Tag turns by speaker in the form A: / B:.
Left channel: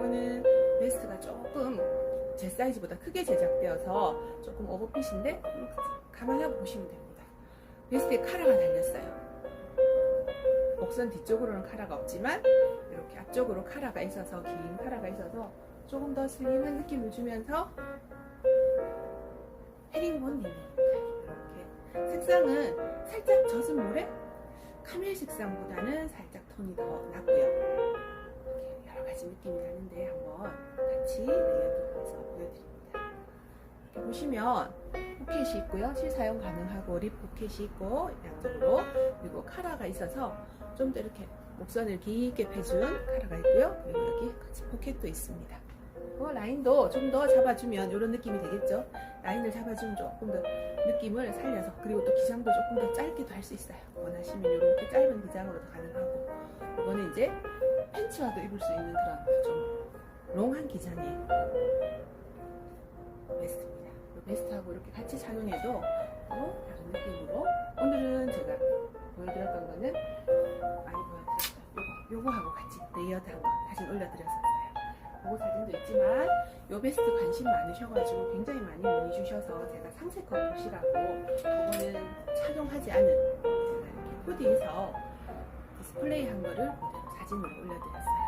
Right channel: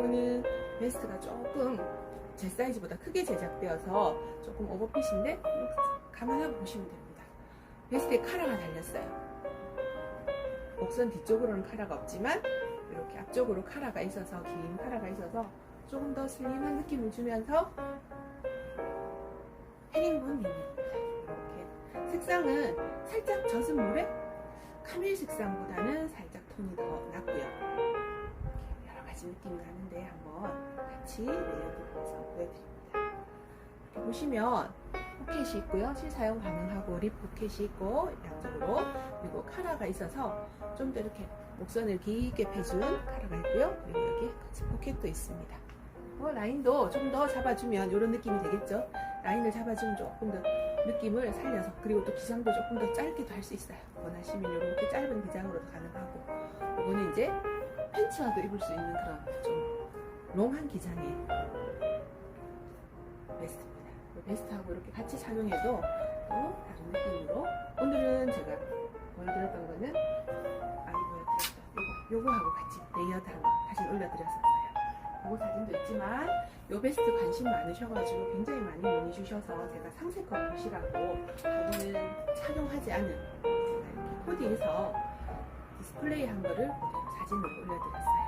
A: 이거는 베스트가 조금 제 사이즈보다 크게 제작되어서 조금 오버핏인데 감안하고 보시면 됩니다. 베스트에 카라가 달렸어요. 목선 뒤쪽으로는 카라가 없지만 이렇게 앞쪽으로 카라가 있어서 긴 카라가 있어서 조금 더 슬림한 느낌을 주면서 헤링본 립입니다. 이렇게 색상은 살짝 젖은 물에 카멜 색상보다는 살짝 톤이 더 낮고요. 가지 느낌이 나는데 한번 같이 레이어드해서 보여드립니다. 이렇게 보시면 포켓이 있고요. 실사용 가능하고 립 포켓이 있고 양쪽으로 그리고 카라가 있어서 좀 더 이렇게 목선을 길게 펴준 카라가 있고요. 그리고 여기 같이 포켓도 있습니다. 어, 라인도 좀 더 잡아주면 이런 느낌이 되겠죠. 라인을 잡아주면 조금 더 느낌을 살려서 그리고 또 기장도 조금 더 짧게도 할 수 있어요. 원하시면 이렇게 짧은 기장으로도 가능하고 이거는 이제 팬츠와도 입을 수 있는 그런 좀 롱한 기장의 베스트입니다. 이 베스트하고 이렇게 같이 착용해도 또 다른 느낌으로 오늘은 제가 보여드렸던 거는 많이 보여드렸다. 요거, 요거하고 같이 레이어드한 거 사진 올려드렸었어요. 요거 사진도 있지만 요 베스트 관심 많으셔가지고 굉장히 많이 문의 주셔서 제가 상세껏 보시라고 이거는 착용하지 않은 제가 이렇게 코디해서 디스플레이 한 거를 그대로 사진으로 올려드렸어요.